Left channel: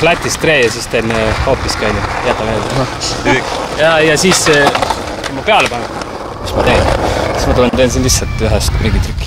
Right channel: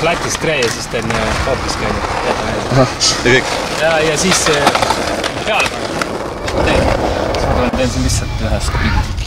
flatist kree ja siis teen hoopiski, jätan meelde. Ja siis ma peale panen. Siis ma teen siin lihtsalt ühest mingi trikki.